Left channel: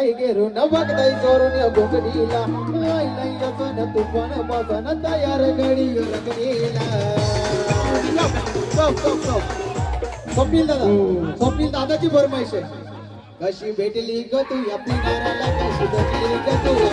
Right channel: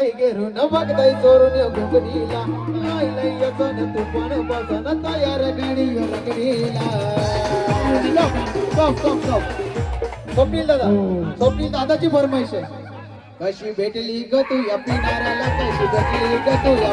टायगेरू नमक दही चोरून या घोगडीला आईला येसन तुफान बसन तयार रगडी रगडीला. स्टॉप स्टॉप स्टॉप स्वप्नील दादा स्वप्नील दादाची फरमाईश आहे. कशी भेटली ग तू या पिणाऱ्याला कशी भेटली ग तू या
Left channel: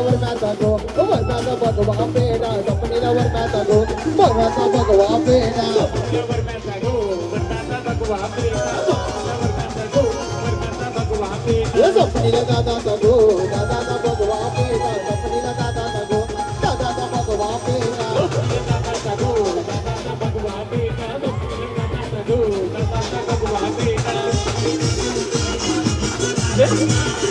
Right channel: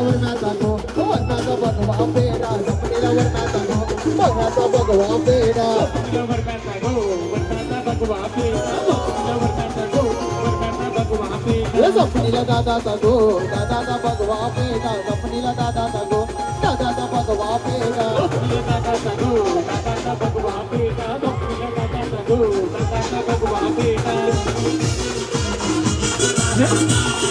mata bhagava pera sapnila go mata bhagava pera da da da da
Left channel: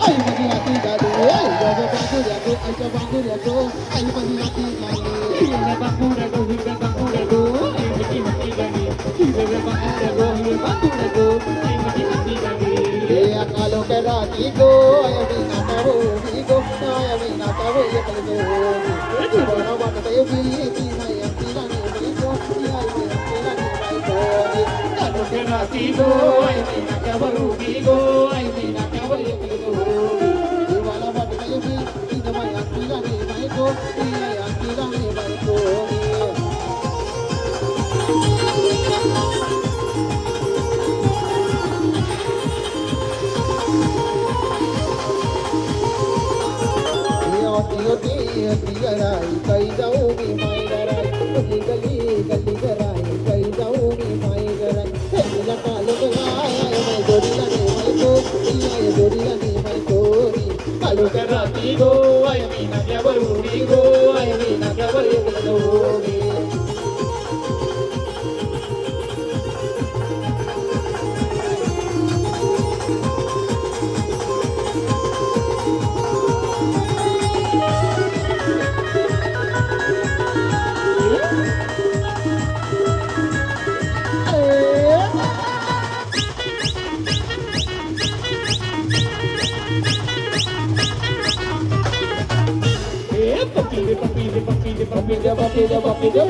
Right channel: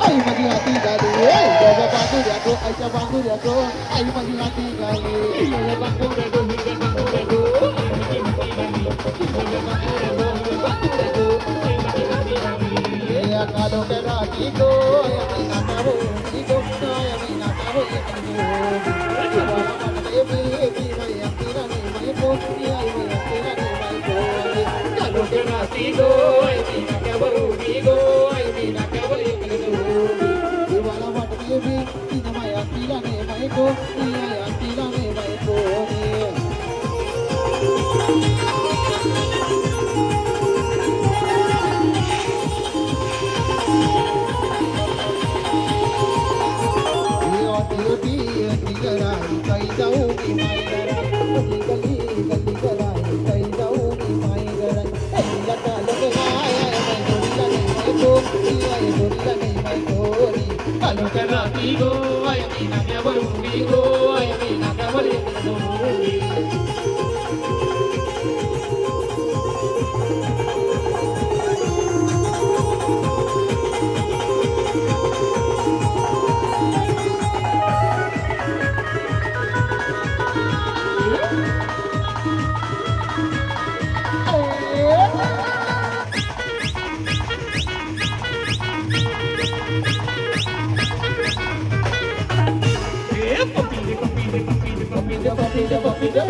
Ay, mati lati dadu, ay, jaga bagu jago, ay, jaga bagu jago, ay, mati lati México. papi,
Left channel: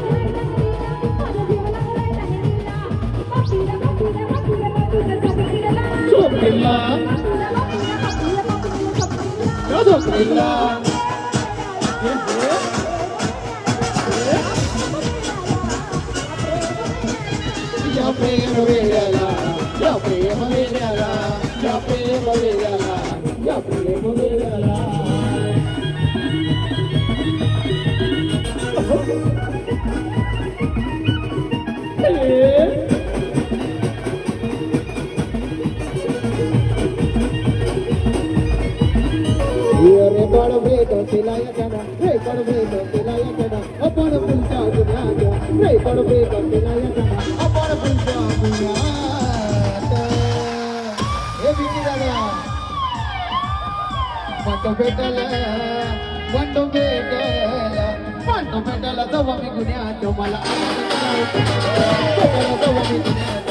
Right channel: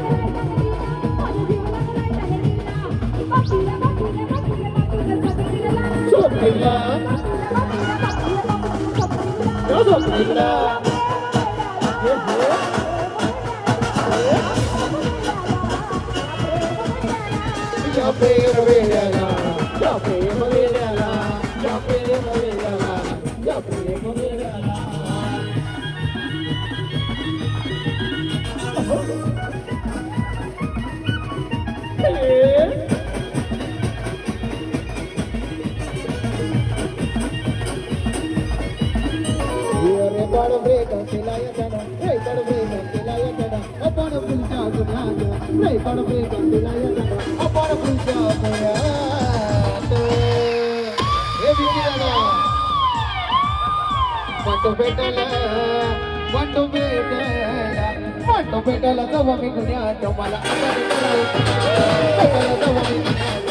Break on the break on the do you let the do that. Don't let the mommy do. Don't let the.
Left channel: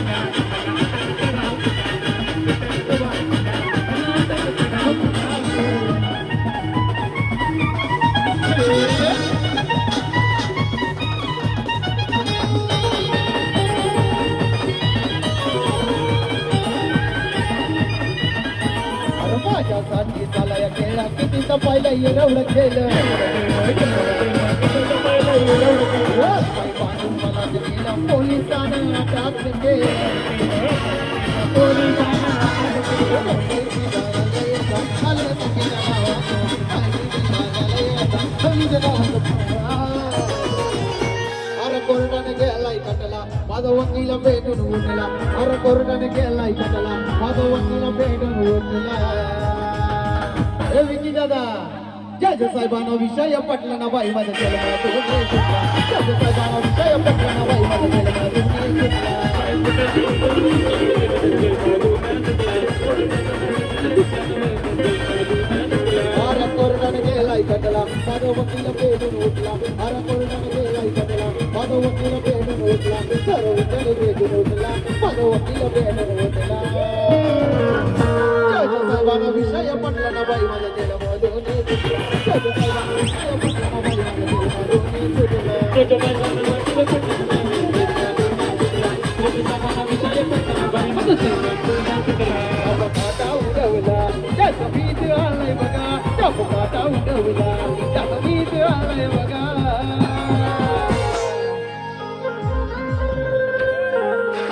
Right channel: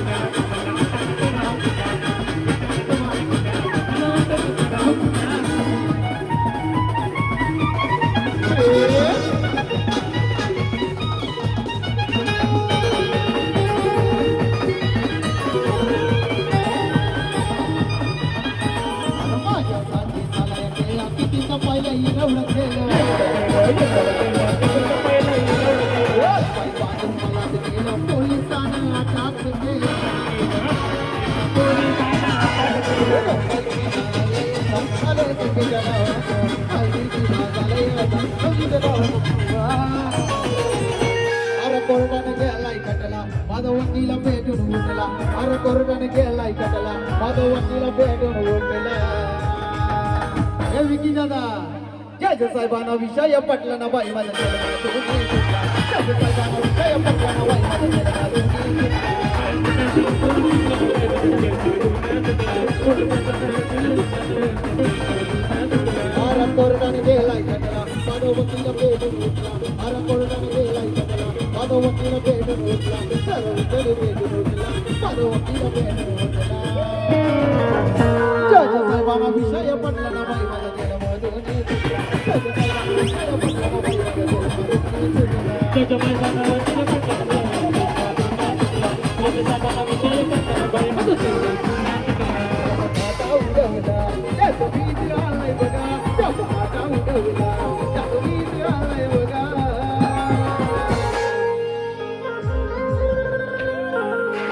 पाहिलं एवढं खेळ पोलिसांना टाकले अरे कोर्टाने गेलाय कटला माझा वकीला भेटून उठला अरे हे विकी दादा. जज साहेबांना विषय पटला ना बाई माझा केला जज साहेबांना विषय पटला ना बाई माझा केला अरे कोर्टाने गेलाय कटला माझा वकील भेटून उठला. अरे कोर्टाने गेलाय कटला माझा वकील भेटून उठला. सर्व जण भेटून उठला माझा वकील भेटून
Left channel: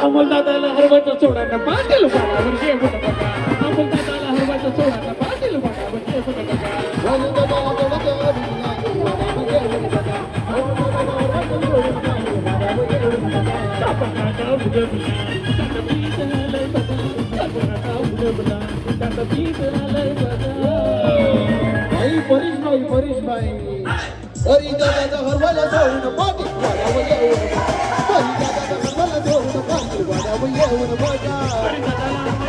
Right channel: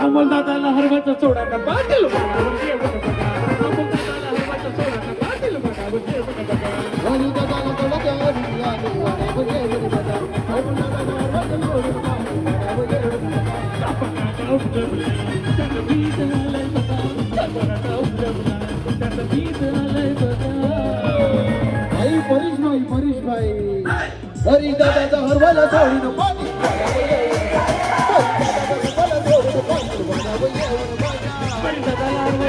अंमलदादाला हरवाचा सोडा मी पाटील पाटावर जेवण बघा अंमलदादाला हरवाचा सोडा मी पाटील पाटावर जेवण 都不接水